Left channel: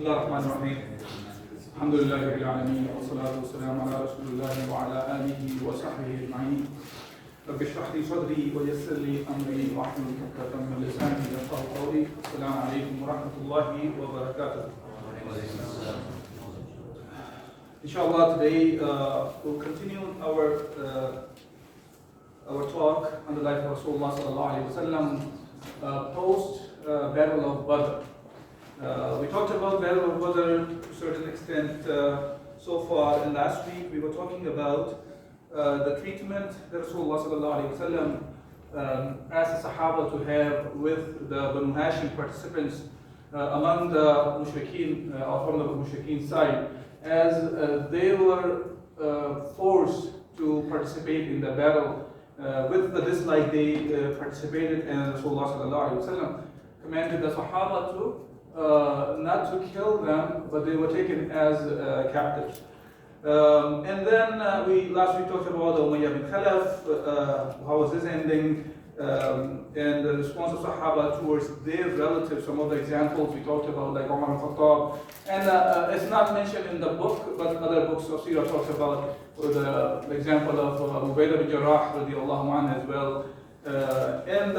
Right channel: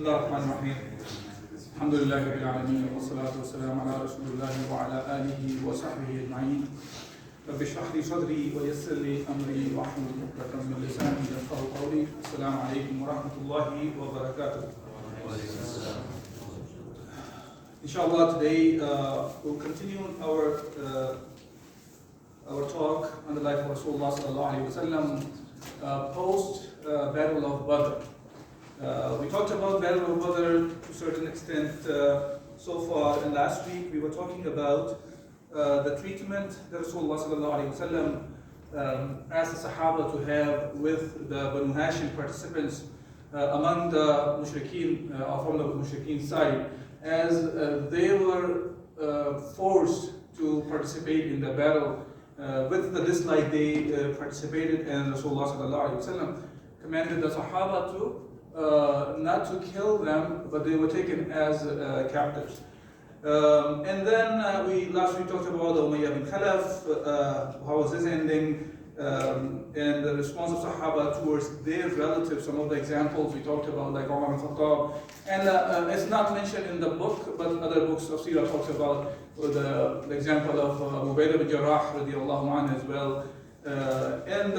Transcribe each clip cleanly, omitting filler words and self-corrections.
الله الرحمن الرحيم. الحمد لله رب العالمين والصلاة والسلام على رسول الله وعلى آله وصحبه أجمعين. رب اشرح لي صدري ويسر لي أمري واحلل عقدة من لساني يفقهوا قولي. السلام عليكم ورحمة الله وبركاته. Inshallah, today we'll continue our talk on the life of Rasulullah sallallahu alaihi wasallam post Battle of Badr. We talked about Battle of Badr to a certain extent so far, and last week we were talking about the treatment that Rasulullah sallallahu alaihi wasallam asked the Sahaba to have with the Banu Hashim participants among the Mushrikeen, or from the Mushrikeen side, as they were forced to participate in the battle with the dislike they participated, and Rasulullah sallallahu alaihi wasallam commanded the Sahaba to not to kill them, but they were taken as captives. And then last week talked about the Umayyah bin Khalaf, how was his ending, and the response of Sahaba towards their relatives. Some of the examples we talked about, like Umar bin Khattab, and it's not mentioned in the book, but other books of Sirah talks about the example of Ubaidah bin Jarrah radiallahu anhu as well. And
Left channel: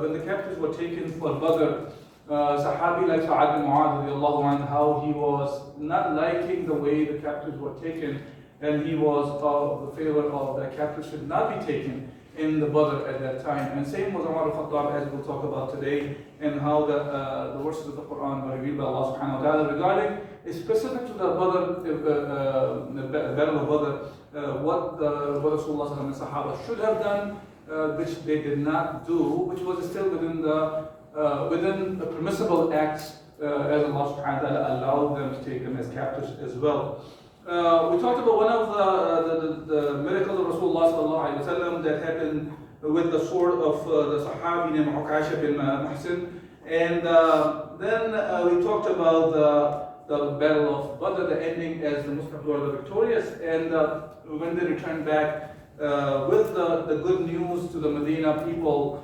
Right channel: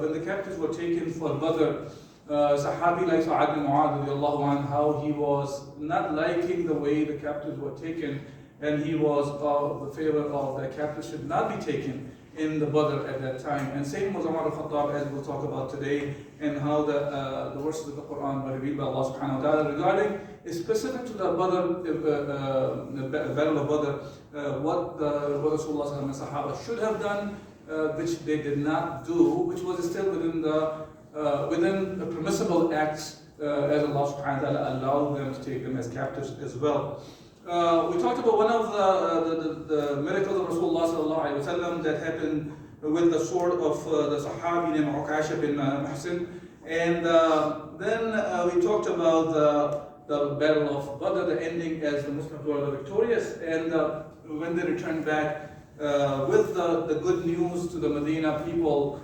when the captives were taken for Badr, Sahabi like Sa'ad bin Mu'adh radiallahu anhu, how he was not liking the way the captives were taken, and he was of the favor of the captives should not be taken in the Badr at that time. And same was Umar al-Khattab, as we'll talk about today, and how the verses of the Quran were revealed by Allah subhanahu wa ta'ala regarding, specific to the Badr, the Battle of Badr, what Rasulullah and the Sahaba should have done, which they did not do, which was still within the permissible acts, as Allah subhanahu wa ta'ala allowed them to take them as captives as well. We talked about one of the miracles of Rasulullah sallallahu alaihi wasallam that happened with the sword of the Sahabi named Ukasha bin Muhsin, and then we talked about the Battle of Badr, the ending as the Muslims were victorious, and when they returned back with the good news to the Medina people,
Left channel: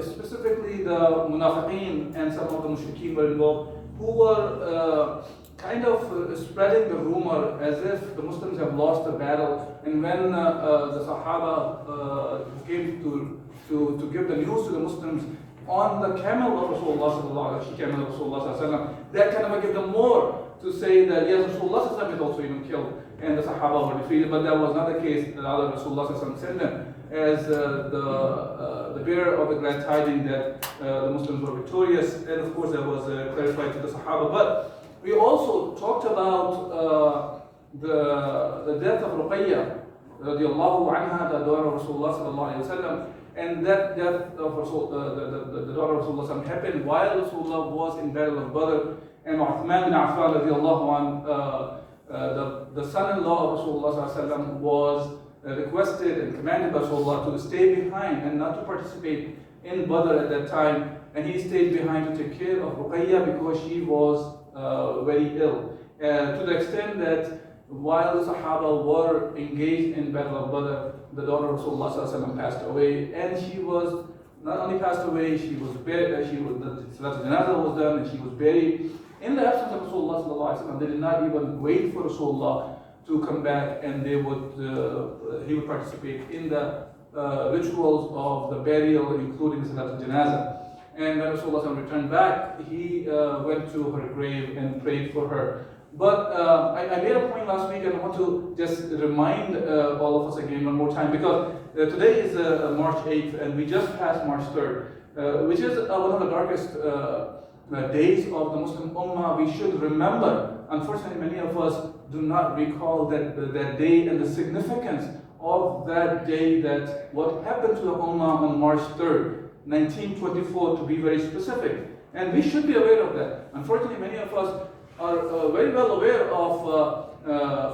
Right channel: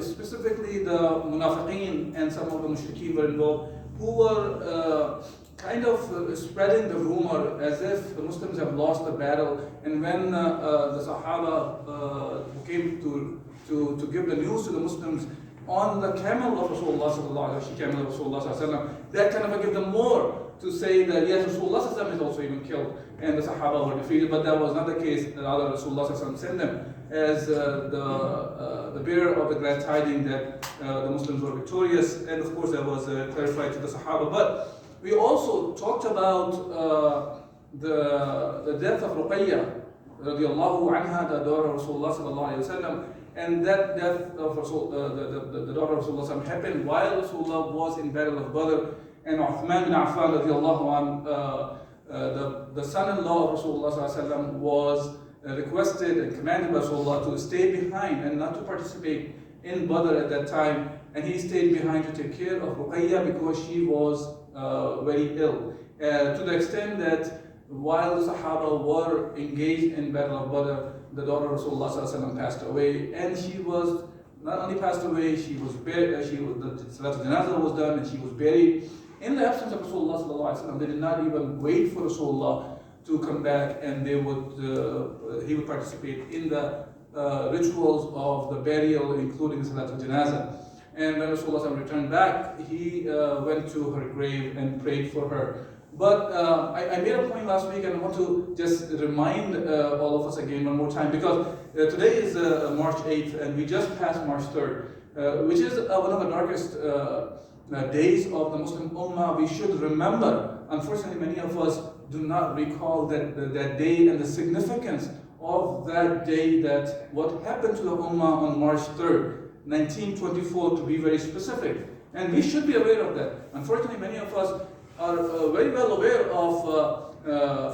specifically the Munafiqeen and some of the Mushrikeen were involved, who were kind of spreading the rumor as if the Muslims have lost the battle. And when the Sahaba came to give the news to the Muslims on the camel of Rasulullah sallallahu alaihi wasallam, that kind of gave them more to say that yes, Rasulullah sallallahu is also even killed, and the Sahaba were defeated. But that was not the case. Rather, Rasulullah sallallahu sent them as the bearer of the glad tidings that the Muslims were victorious, and of course that was clarified to the Sahaba. But we also talked about the death of Ruqayya radiallahu anha, the daughter of Rasulullah sallallahu alaihi wasallam, and that death of the daughter of Rasulullah happened while Rasulullah was in Battle of Badr, and Uthman bin Affan radiallahu anhu, the son-in-law of Rasulullah sallallahu alaihi wasallam, was requested and commanded by Rasulullah to stay behind and not to participate in Badr at that time, and he stayed behind to take care of Ruqayya because she was very ill, to the extent that while the Sahaba were engaged in Battle of Badr, the daughter of Rasulullah sallallahu passed away, and she was not only passed away, she was buried. The Salat al-Janazah was done, and she was buried in the absence of Rasulullah sallallahu alaihi wasallam. They did not even wait for Rasulullah to come back, and he would participate in the rituals of the burial, including Salat al-Janazah. And when Rasulullah returned back, he went to her grave and prayed for her. But I made a point last week, and I want to just remind all of us again one more time, because today is March 8th, and we just passed March 3rd, which is one of the darkest days of the Muslim Ummah. We should remember. Unfortunately, many of us do not recall that day and the significance of that day, that what happened to the Ummah on March 3rd, 1924 to be very specific. And we should be aware of that. Unfortunately, many of us are very well aware of,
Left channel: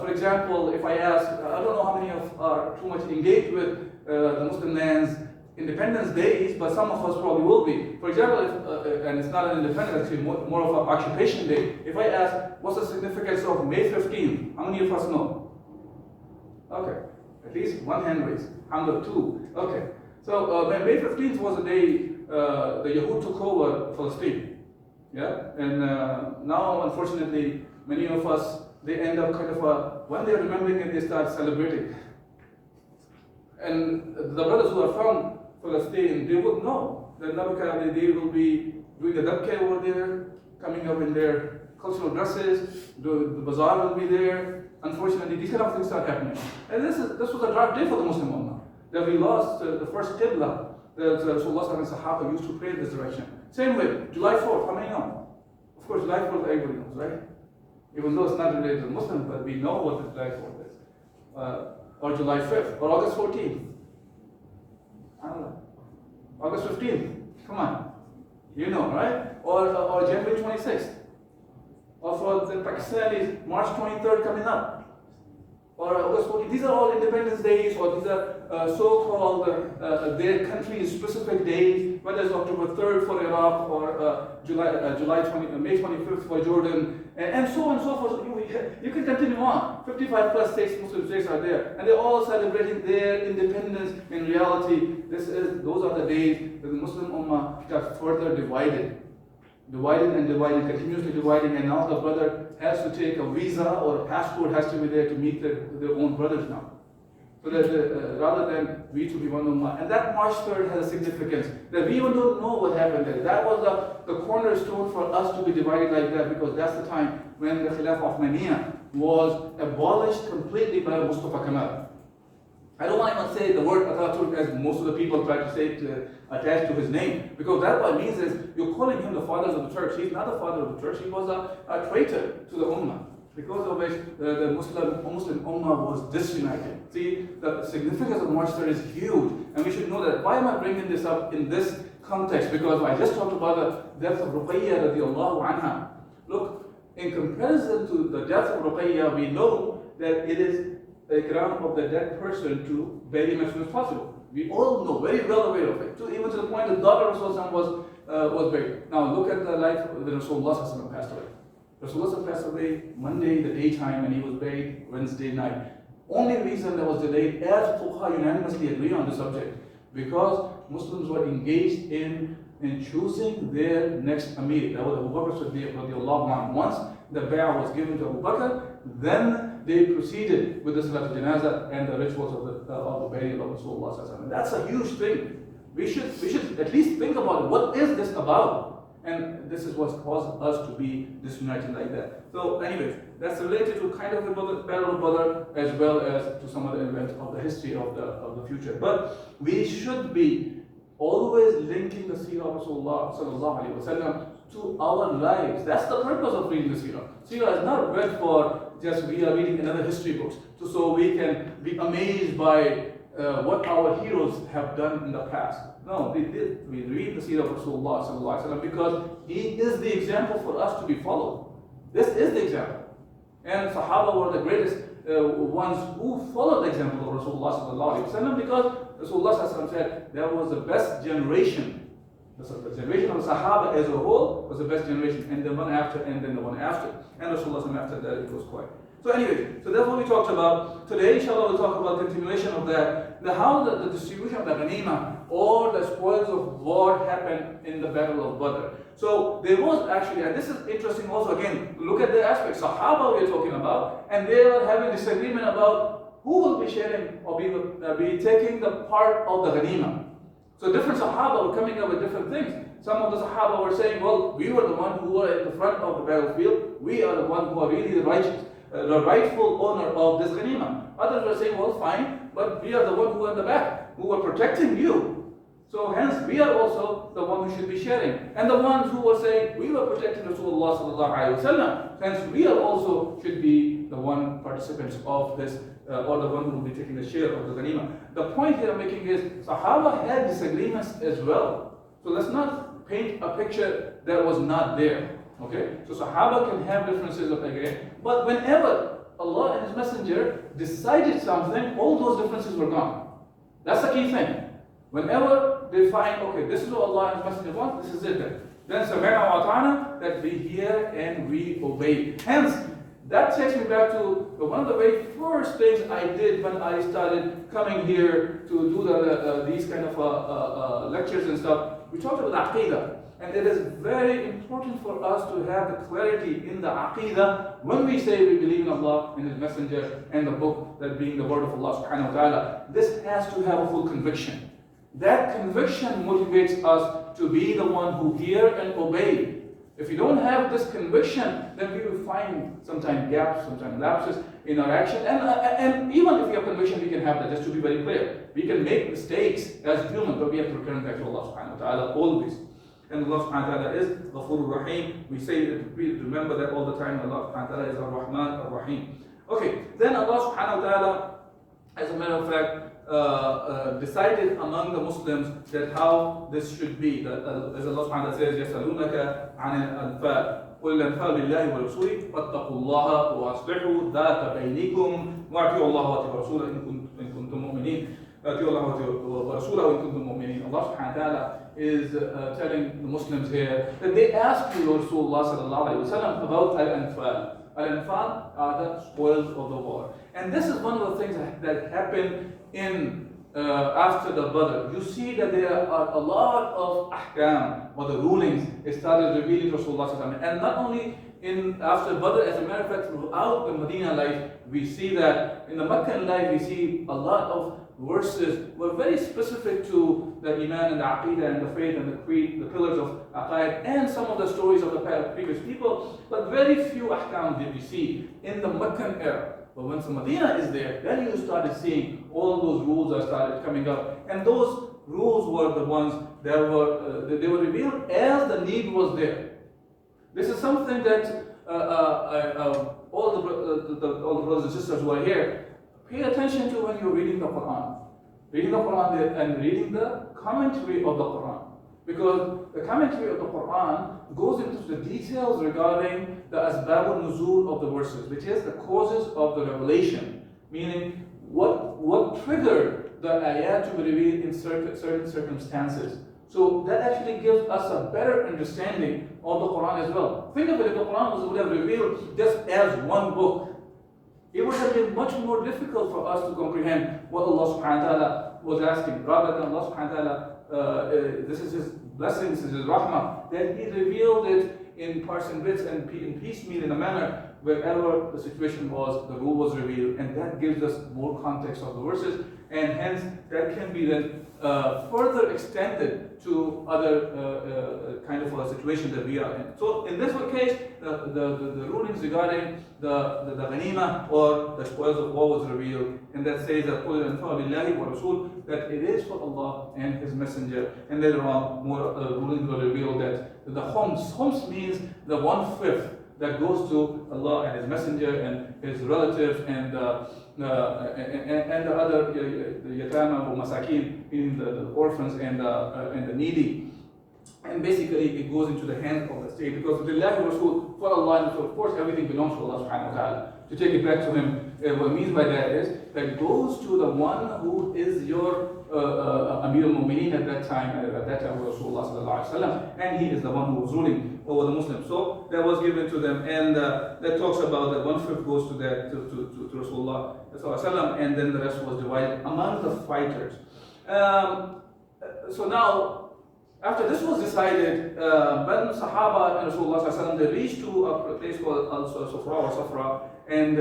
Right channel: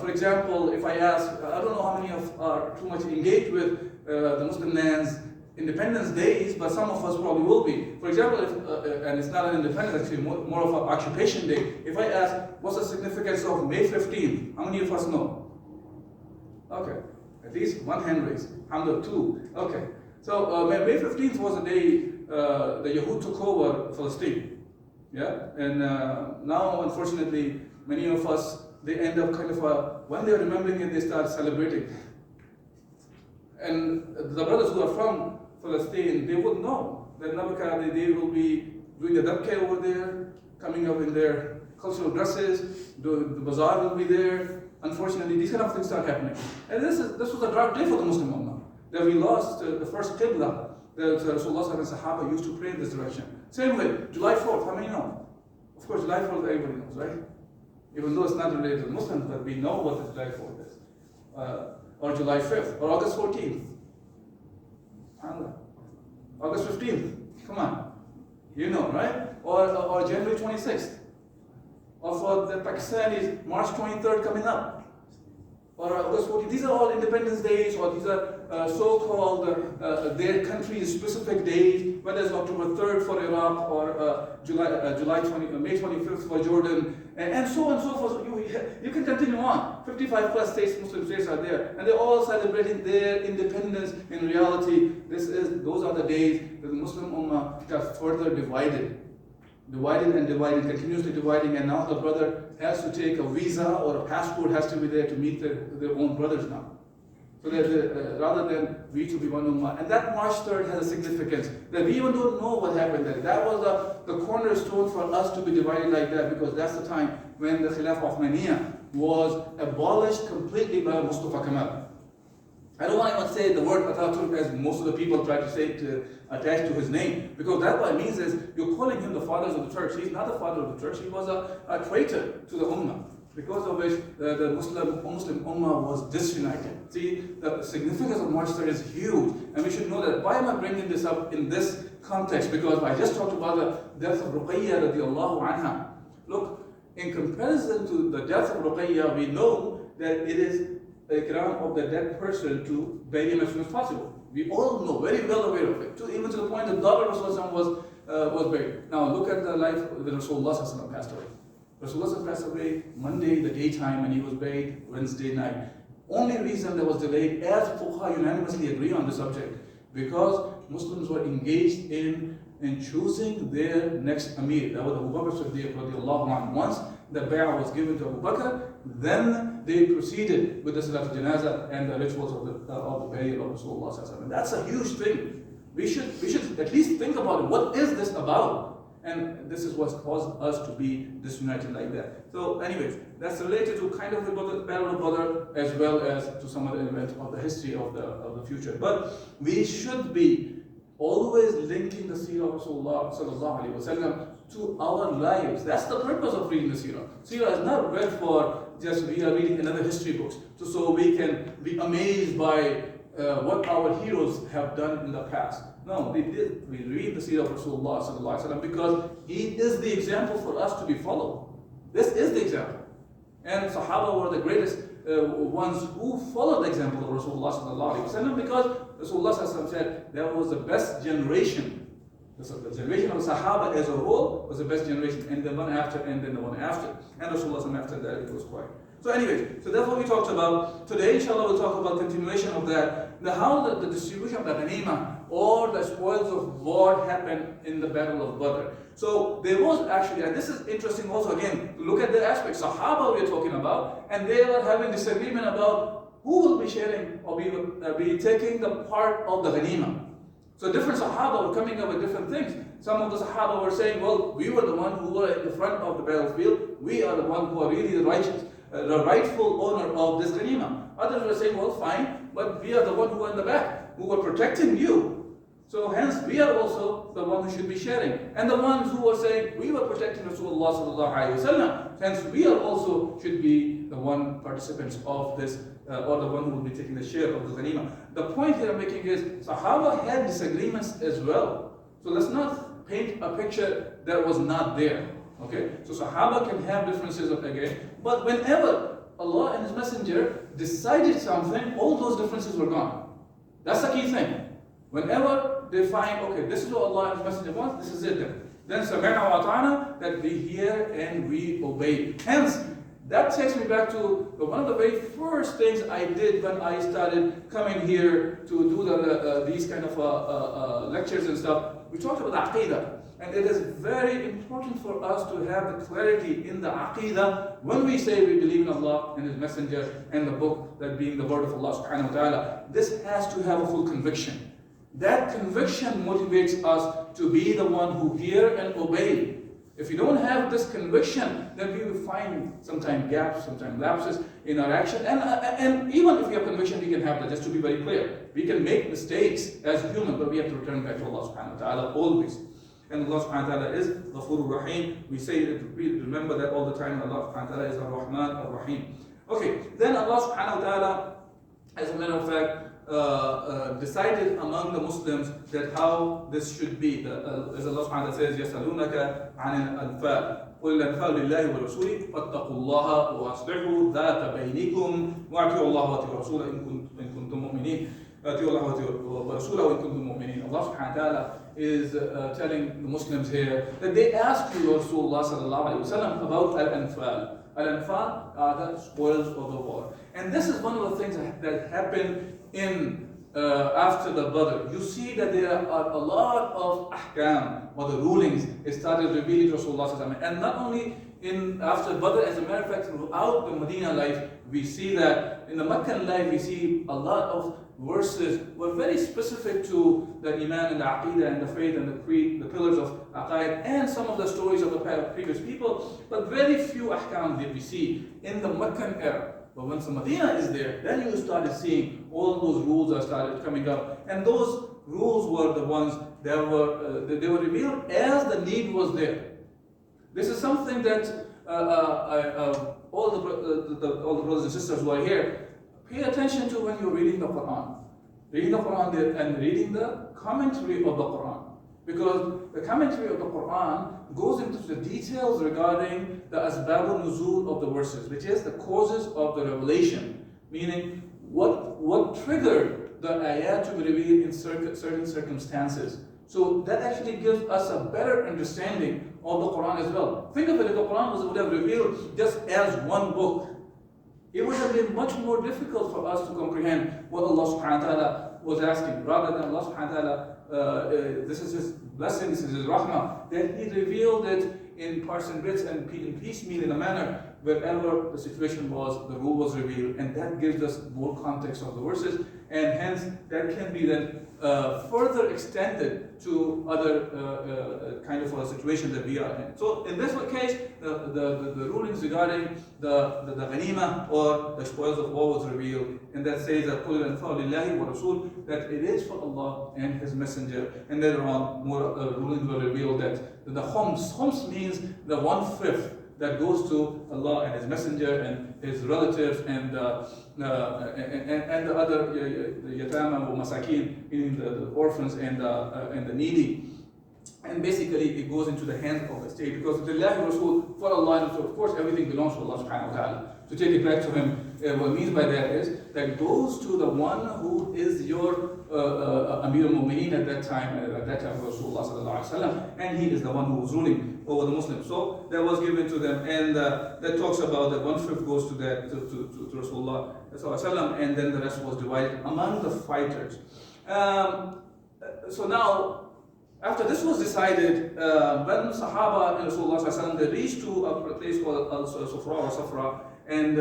for example, if I ask, I don't know how many of are too much engaged with the Muslim lands Independence Days, but some of us probably will be. For example, and it's not an independence, it's more of an occupation day. If I ask, what's the significance of May 15th? How many of us know? Okay, at least one hand raised. 102. Okay. So May 15th was the day the Yahud took over Palestine. Yeah, and now unfortunately many of us, they end up kind of when they're remembering it, they start celebrating. And the brothers who are from Palestine, they would know that they will be doing the dabke over there, coming up in their cultural dresses, the bazaar will be there. Unfortunately, these kind of things start happening. And this was a dark day for the Muslim Ummah, that we lost the first Qibla that Rasulullah and Sahaba used to pray in this direction. Same way, July 4th, how many know? Of course, July 4th, everybody knows, right? Even though it's not related to the Muslims, but we know what the July 4th is. Or July 5th, or August 14th. August 15th, come on. You know, right? Or January 26th. Or for the Pakistanis, March 23rd coming up. Or August 14th. These are all Independence Days, or these are so-called their country's specific days, whether it's October 3rd for Iraq, or May 25th for Jordan, and so on and so forth. You can continue on. 55 plus states, Muslim states are there, and they're all celebrating their independence. In reality, those are the days that the Muslim Ummah got further divided, continuously dividing, and now the brother has to take a visa or a passport has to be there to meet their own brothers now. So that rather than we to be one ummah. And that March 3rd has a significance that we even don't know what happened there. That was the cornerstone for us to be divided like that, because that's the time when the Khilafah Uthmaniyya was abolished completely by Mustafa Kemal. I don't want to even say the word Ataturk as most of the people try to say it attached to his name, because that what it means is you're calling him the father of the Turks. He's not the father of the Turks. He was a traitor to the Ummah, because of which the Muslim Ummah was disunited. See, the significance of March 3rd is huge, and we should know that. Why am I bringing this up in this context? Because I just talked about the death of Ruqayya radiallahu anha. Look, in comparison to the death of Ruqayya, we know that it is the ground of the dead person to bury him as soon as possible. We all know, very well aware of it, even to the point that daughter Rasulullah was buried. Now look at the life of Rasulullah passed away. Rasulullah passed away Monday, the daytime, and he was buried Wednesday night. Only reason that was delayed, as Fuqaha unanimously agree on the subject, because Muslims were engaged in choosing their next Amir. That was Abu Bakr Siddiq radiallahu anhu. Once the bay'ah was given to Abu Bakr, then they proceeded with the Salatul Janazah and the rituals of the burial of Rasulullah. And that's a huge thing. We should at least think about it. What is this about? And this is what's caused us to be disunited like that. So anyways, that's related to kind of the Battle of Badr, as well as to some other events of the history of the future. But we should be always linking the seerah of Rasulullah sallallahu alaihi wasallam to our lives. That's the purpose of reading the seerah. Seerah is not read for just we are reading another history books, so we can be amazed by what our heroes have done in the past. No, we read the seerah of Rasulullah sallallahu alaihi wasallam because he is the example for us to be followed. This is the example. And Sahaba were the greatest ones who followed the example of Rasulullah sallallahu alaihi wasallam, because Rasulullah sallallahu alaihi wasallam said that was the best generation. The generation of the Sahaba as a whole was the best generation, and the one after, and then the one after. And Rasulullah after that, it was quiet. So anyway, so that's what we talked about. Today, inshallah, we'll talk about continuation of that. How the distribution of the ghanima or the spoils of war happened in the Battle of Badr. So there was actually, and this is interesting also again, to look at the aspects. Sahaba we're talking about, and they were having disagreement about who will be sharing or be taking the part of the ghanima. So different Sahaba were coming up with different things. Some of the Sahaba were saying, well, we were the one who were at the front of the battlefield. We are the one who are really the righteous, the rightful owner of this ghanima. Others were saying, well, fine, but we are the one who are in the back, who were protecting you. So hence, we are also the one who should be sharing. And the ones who were saying, we were protecting Rasulullah sallallahu alaihi wasallam, hence we are also should be the one participants of this, or the one who will be taking the share of the ghanima. The point here I'm making is, Sahaba had disagreements as well. So let's not paint a picture that was not there. Okay? So Sahaba can have differences of again, but whenever Allah and His Messenger decided something, all those differences were gone. That's the key thing. Whenever they find, okay, this is what Allah and His Messenger want, this is it then sami'na wa ata'na, that we hear and we obey. Hence, that takes me back to one of the very first things I did when I started coming here to do these kind of lectures and stuff. We talked about Aqidah. And it is very important for us to have the clarity in the Aqidah when we say we believe in Allah and His Messenger and the book, that being the word of Allah subhanahu wa ta'ala. This has to have a full conviction. That conviction motivates us to be the one who hear and obey. If we don't have this conviction, then we will find sometimes gaps, sometimes lapses in our action. And even if we have conviction, we can have that. Just to be very clear, we can make mistakes as human, but we have to return back to Allah subhanahu wa ta'ala always. And Allah subhanahu wa ta'ala is Ghafurur Rahim. We say that, we remember that all the time. Allah subhanahu wa ta'ala is Ar-Rahman, Ar-Rahim. Okay, then Allah subhanahu wa ta'ala, as a matter of fact, decided among the Muslims that how this should be. As Allah subhanahu wa ta'ala says, يَسَأَلُونَكَ عَنِ الْأَنْفَالِ قُلِ الْأَنْفَالُ لِلَّهِ وَرَسُولِهِ وَاتَّقُوا اللَّهَ وَأَصْلِحُوا ذَاتَ بَيْنِكُمْ وَأَطِيعُوا اللَّهَ وَأَطِيعُوا الرَّسُولَ إِن كُنتُم مُؤْمِنِينَ أَطِيعُوا اللَّهَ وَأَطِيعُوا الرَّسُولَ إِن كُنتُم مُؤْمِنِينَ. Allah subhanahu wa ta'ala is telling the Muslims here that they asked you, Rasulullah sallallahu alayhi wa sallam, about Al-Anfal. Al-Anfal are the spoils of the war. And this is one of the things that happened in after the Badr. You see that there are a lot of ahkam, or the rulings, started revealing to Rasulullah sallallahu alayhi wa sallam. And not only in after Badr, as a matter of fact, throughout the Medina life, we see that in the Meccan life, we see a lot of verses were very specific to the Iman and the Aqidah and the faith and the creed, the pillars of Aqaid, and some of the stories of the previous people, but very few ahkam did we see in the Meccan era. But once the Medina is there, then you started seeing all those rules are started coming up, and those rules were the ones that were they were revealed as the need was there. This is something that all the brothers and sisters who are here, pay attention to when you're reading the Quran. Reading the Quran and reading the commentary of the Quran. Because the commentary of the Quran goes into the details regarding the asbabul nuzul of the verses, which is the causes of the revelation. Meaning, what triggered the ayat to be revealed in certain circumstances. So that actually gives us a better understanding of the Quran as well. Think of it, if the Quran would have revealed just as one book, it would have been much more difficult for us to comprehend what Allah subhanahu wa ta'ala was asking. Rather than Allah subhanahu wa ta'ala, this is His blessing, this is His rahmah, that He revealed it in parts and bits and in piecemeal in a manner wherever the situation was, the rule was revealed, and that gives us more context of the verses, and hence that can be then further extended to other kind of a situation that we are in. So in this case, the rulings regarding the ghanima or the spoils of war was revealed, and that says that قُلْ الْأَنْفَالُ لِلَّهِ وَرَسُولِ, that it is for Allah and His Messenger. And later on, more rulings were revealed that the khums means the 1/5 that goes to Allah and His Messenger and His relatives and the other the yatama or masakin, meaning the orphans and the needy. And basically it goes into the hands of the state, because lillahi Rasul, for Allah, and so of course everything belongs to Allah subhanahu wa ta'ala. To take it back to Him, what it means by that is that it goes to the one who is your Amir al-Mu'mineen at that time Rasulullah sallallahu alaihi wasallam, and he is the one who was ruling over the Muslims. So that was given to them, and that talks about that 1/5 goes to that to Rasulullah sallallahu alaihi wasallam, and then the rest was divided among the fighters. So now, after this was decided, when Sahaba and Rasulullah sallallahu alaihi wasallam, they reached to a place called Al-Sufra or Safra, and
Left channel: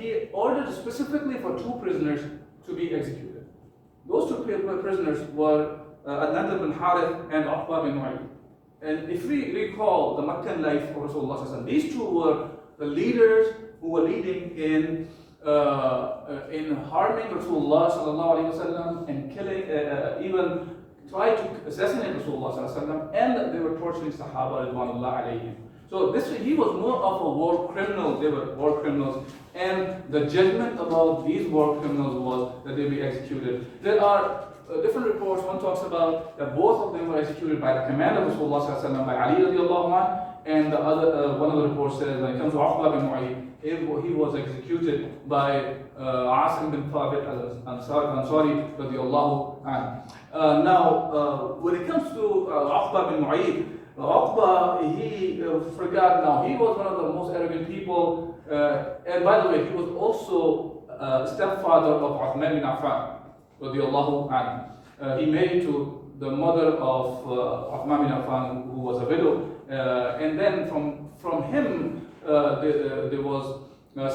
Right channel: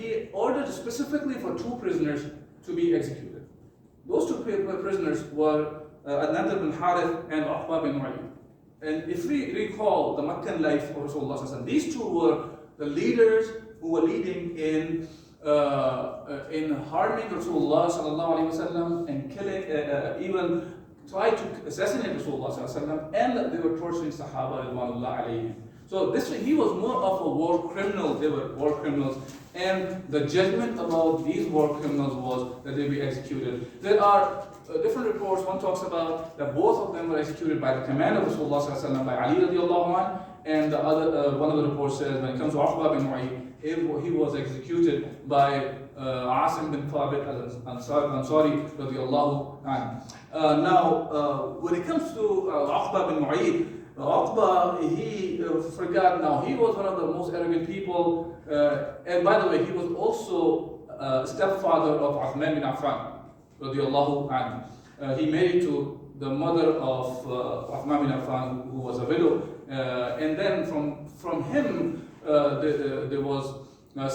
he ordered specifically for 2 prisoners to be executed. Those 2 prisoners were An-Nadr bin Harith and Uqba bin Mu'ayy. And if we recall the Meccan life of Rasulullah sallallahu alaihi wasallam, these 2 were the leaders who were leading in harming Rasulullah sallallahu alaihi wasallam and killing, even tried to assassinate Rasulullah sallallahu alaihi wasallam, and they were torturing Sahaba ridwanullah alayhim. So he was more of a war criminal. They were war criminals, and the judgment about these war criminals was that they be executed. There are different reports. One talks about that both of them were executed by the command of Rasulullah sallallahu alaihi wasallam, by Ali radiallahu anhu, and the other one of the reports says when it comes to Uqba bin Mu'ayy, he was executed by Asim bin Thabit al-Ansari radiallahu anhu. Now, when it comes to Uqba bin Mu'ayy, Uqba, he forgot now. He was one of the most arrogant people. And by the way, he was also stepfather of Uthman bin Affan, radiallahu anhu. He married to the mother of Uthman bin Affan, who was a widow, and then from him there was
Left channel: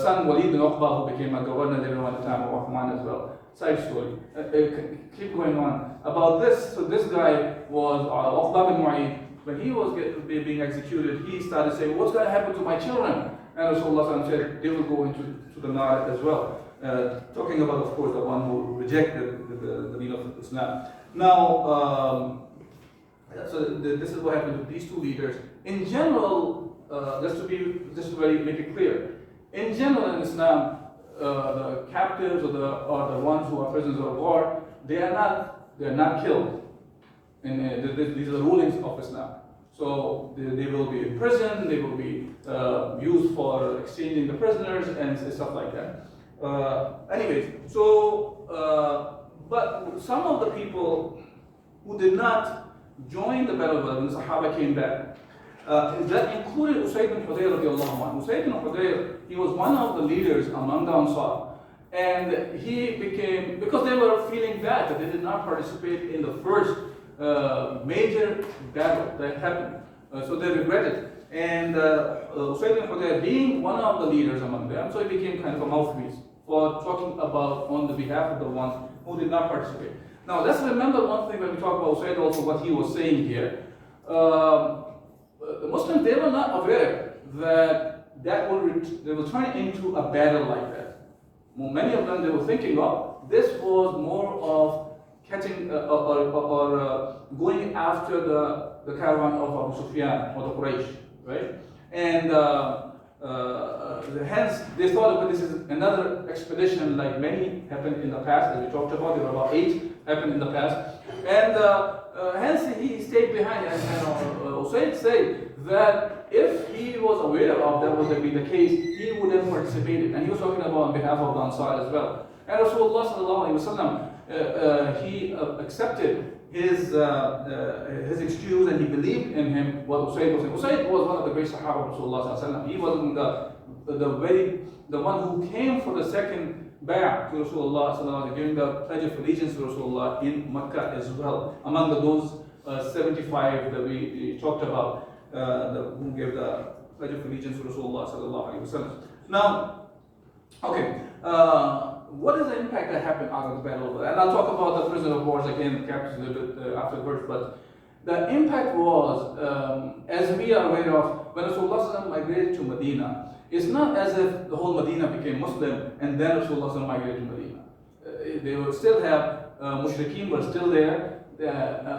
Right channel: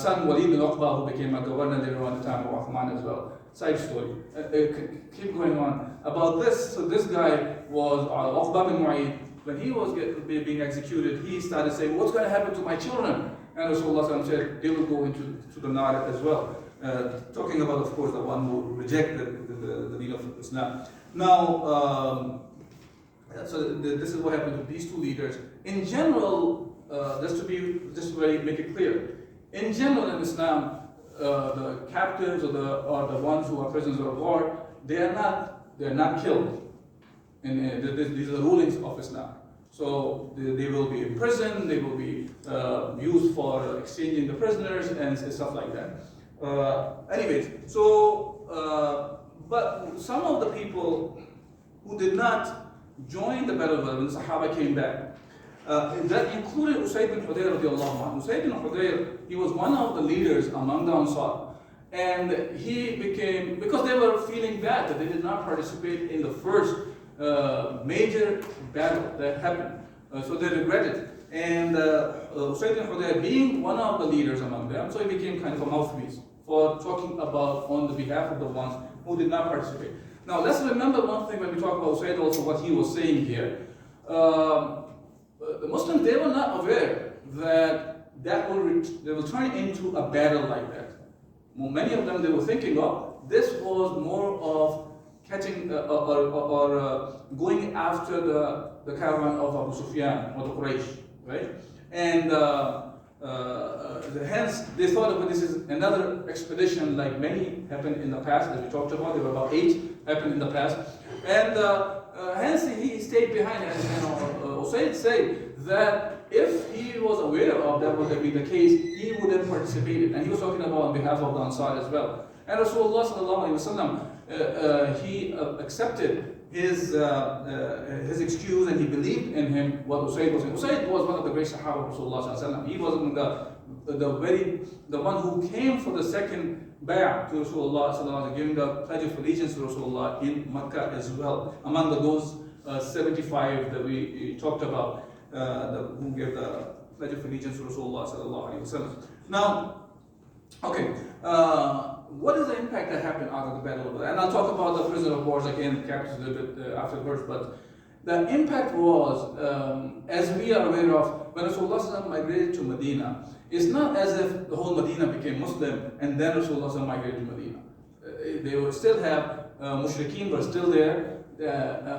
son Walid bin Uqba, who became a governor later on in the time of Uthman as well. Side story. Keep going on about this. So this guy was Uqba bin Mu'ayt. When he was being executed, he started saying, "What's going to happen to my children?" And Rasulullah said, "They will go into the nar as well." Talking about, of course, the one who rejected the deen of Islam. Now, so this is what happened with these two leaders. In general, just to make it clear, in general in Islam, the captives or the ones who are prisoners of war, they are not killed. These are the rulings of Islam. So they will be in prison, they will be used for exchanging the prisoners and stuff like that. Anyways, so but some of the people who did not join the battle when the Sahaba came back, that included Usayd bin Hudayr radiallahu anhu. Usayd bin Hudayr, he was one of the leaders among the Ansar. And he became, because they were feeling bad that they did not participate in the first major battle that happened. So they regretted. And Usayd bin Hudayr, being one of the leaders among them, so he became kind of a mouthpiece for talking about on the behalf of the ones who did not participate. Now let's remember one thing when we talk about Usayd, also what he was saying here. The Muslims, they were not aware that they will turn into a battle like that. Many of them, they were thinking of this was more of catching or going after the caravan of Abu Sufyan or the Quraysh, right? And hence they thought of this is another expedition like many happened in the past, as we talked about. There were about 8 happened in the past, and hence he stayed behind. And Usayd said that if he was aware of that would have been the case, he would have participated. And he was talking about on behalf of the Ansar as well. And Rasulullah sallallahu alaihi wasallam, he accepted his excuse, and he believed in him what Usayd was saying. Usayd was one of the great Sahaba of Rasulullah sallallahu alaihi wasallam. He was the one who came for the second bay'ah to Rasulullah sallallahu alaihi wasallam, giving the pledge of allegiance to Rasulullah in Makkah as well. Among those 75 that we talked about, who gave the pledge of allegiance to Rasulullah sallallahu alaihi wasallam. Now, okay. What is the impact that happened out of the battle of Badr? And I'll talk about the prisoner of wars again, captives a little bit afterwards. But the impact was, as we are aware of, when Rasulullah migrated to Medina, it's not as if the whole Medina became Muslim and then Rasulullah migrated to Medina. They will still have mushrikeen were still there.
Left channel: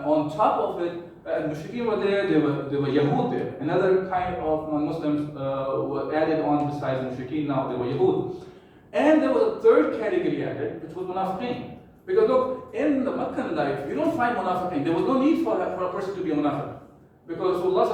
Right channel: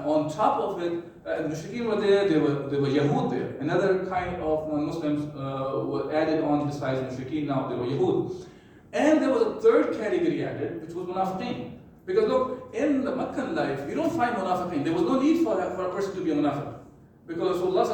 On top of it, mushrikeen were there. There were Yahud there. Another kind of non-Muslims were added on besides mushrikeen. Now they were Yahud. And there was a third category added, which was munafiqeen. Because look, in the Meccan life, you don't find munafiqeen. There was no need for a person to be a munafiq. Because Rasulullah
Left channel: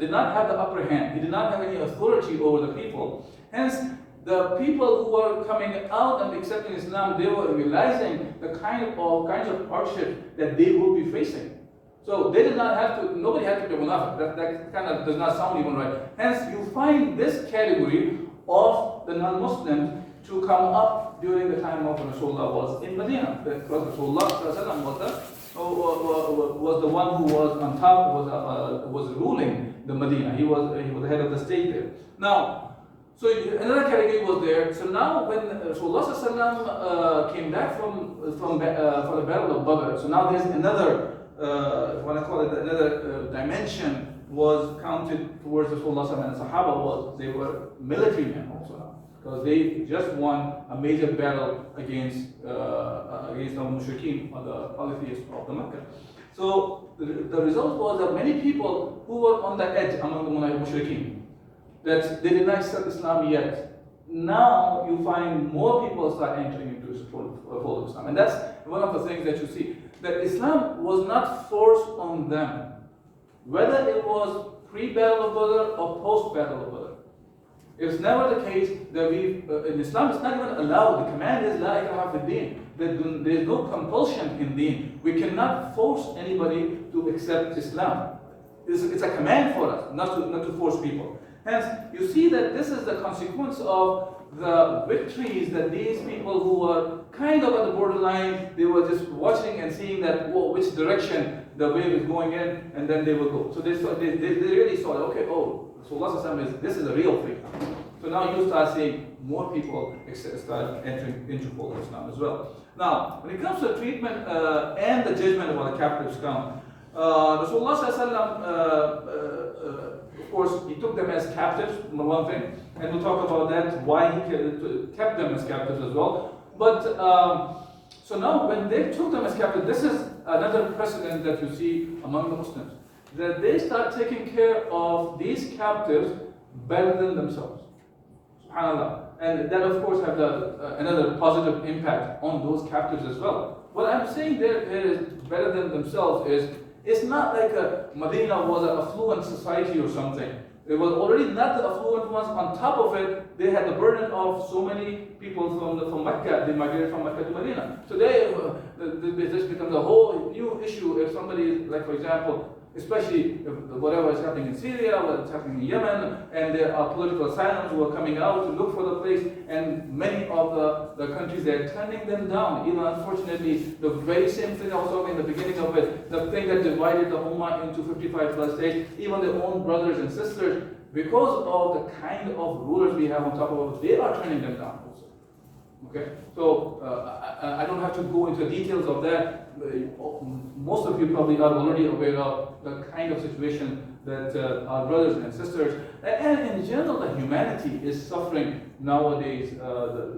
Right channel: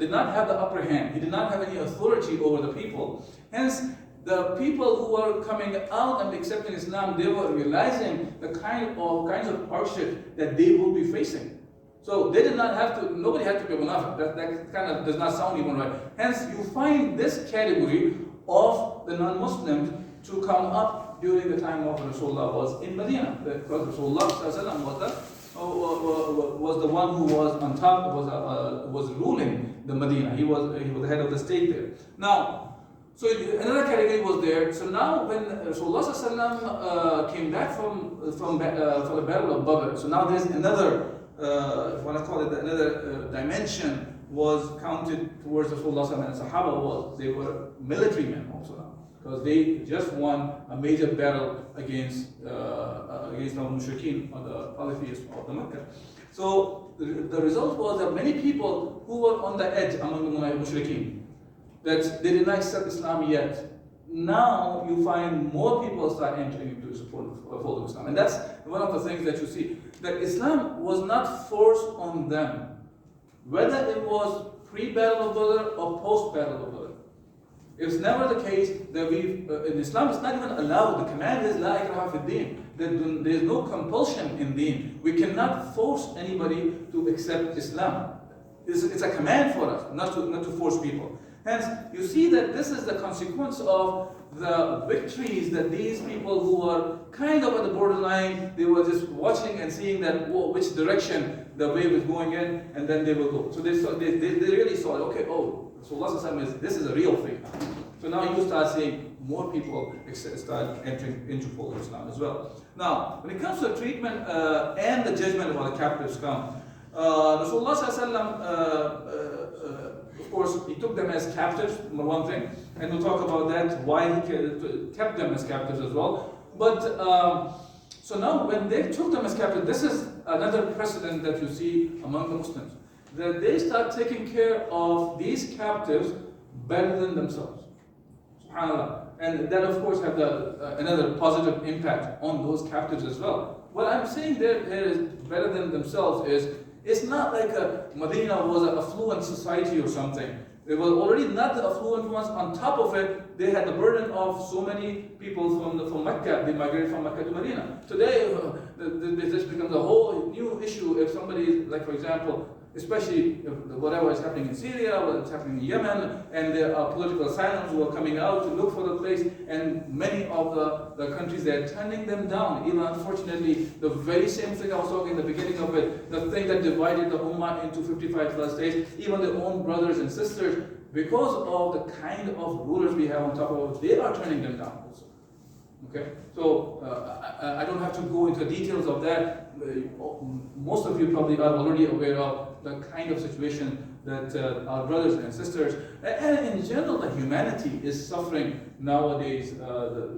did not have the upper hand. He did not have any authority over the people. Hence, the people who were coming out and accepting Islam, they were realizing the kinds of hardship that they would be facing. So they did not have to, nobody had to be a munafiq. That kind of does not sound even right. Hence, you find this category of the non-Muslims to come up during the time of when Rasulullah was in Medina. Because Rasulullah was the one who was on top, was ruling the Medina. He was the head of the state there. Now, so another category was there. So now when Rasulullah came back from the battle of Badr, so now there's another, what I call it, another dimension was counted towards Rasulullah and Sahaba. They were military men also, because they just won a major battle against the mushrikeen or the polytheists of the Mecca. So the result was that many people who were on the edge among the mushrikeen, that they did not accept Islam yet, now you find more people start entering into the fold of Islam. And that's one of the things that you see, that Islam was not forced on them, whether it was pre-battle of Badr or post-battle of Badr. It's never the case that in Islam it's not even allowed. The command is La ikraha fi din. There is no compulsion in deen. We cannot force anybody to accept Islam. It's a command for us, not to force people. Hence, you see that this is the consequence of the victories that these people who were kind of at the borderline, they were just watching and seeing that which direction the wave is going in, and then they will go. So they really saw, okay, oh, Rasulullah this is a real thing. So now you start seeing more people start entering into full Islam as well. Now, when it comes to treatment and the judgment of how the captives come, Rasulullah of course, he took them as captives, number one thing, and we'll talk about that, why he kept them as captives as well. But, so now when they took them as captives, this is another precedent that you see among the Muslims, that they start taking care of these captives better than themselves. SubhanAllah. And that of course have another positive impact on those captives as well. What I'm saying there is better than themselves is, it's not like Medina was an affluent society or something. They were already not the affluent ones. On top of it, they had the burden of so many people from Mecca. They migrated from Mecca to Medina. Today, this becomes a whole new issue if somebody, like for example, especially whatever is happening in Syria, what's happening in Yemen, and there are political asylums who are coming out to look for the place, and many of the countries, they're turning them down. Even unfortunately, the very same thing I was talking in the beginning of it, the thing that divided the Ummah into 55 plus states, even their own brothers and sisters, because of the kind of rulers we have on top of it, they are turning them down also. Okay, so I don't have to go into the details of that. Most of you probably are already aware of the kind of situation that our brothers and sisters, and in general, the humanity is suffering nowadays